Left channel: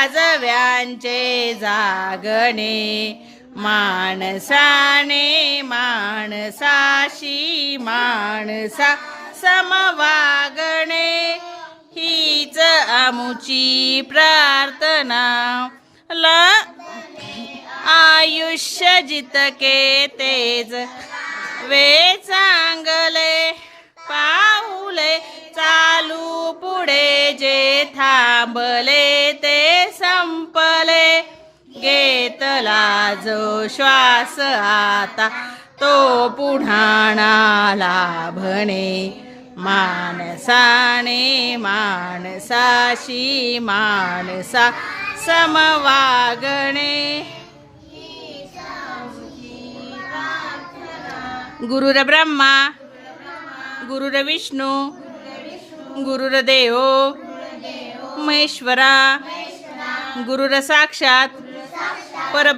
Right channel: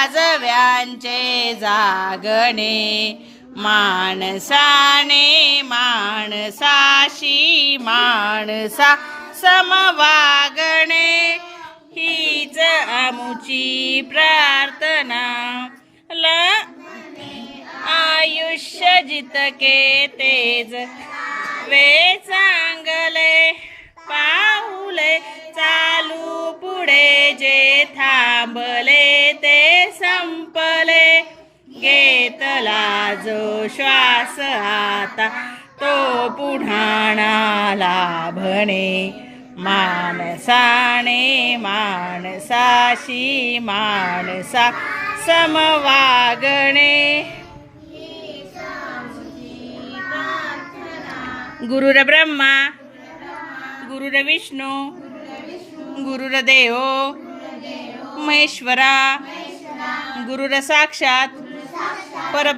वाजव्यांचे जागणे, माणसाने माणसाशी माणसा समवागणे, हीच आमुची प्रार्थना. आयुष्य जितके तेज वे चांगले, पाऊले चालू पुढे जे थांबले ते संपले, घेतला जो श्वास आता तो पुन्हा ना लाभणे, माणसाने माणसाशी माणसा समवागणे. गुरुर्ब्रह्मा गुरुर्विष्णू गुरुर्देव महेश्वरा, गुरुर साक्षात पर